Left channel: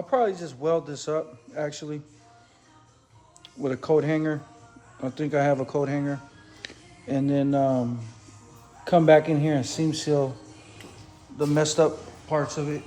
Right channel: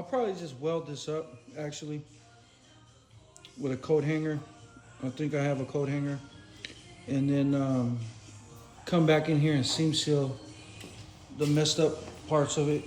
I'll probably just weld this up actually with a coat hanger. I think I have a coat hanger. And then come back in here and seam seal the messed up parts of it.